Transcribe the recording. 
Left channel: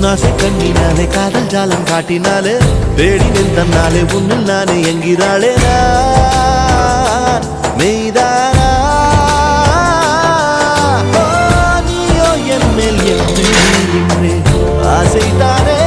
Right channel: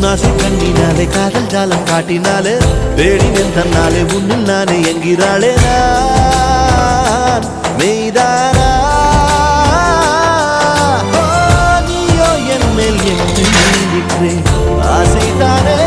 உன்னாசை கண்ணினாலே காதல் ஜாலம் காட்டினாலே தேடினேன் தன்னாலே உன்னில் நானே என்கிறாளே நான் மெய்தானா நீயோ என் மேல் இன்றே ஆசைதானே